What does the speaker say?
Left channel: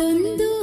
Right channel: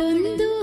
ಹಾಡೊಂದು ಹಾಡು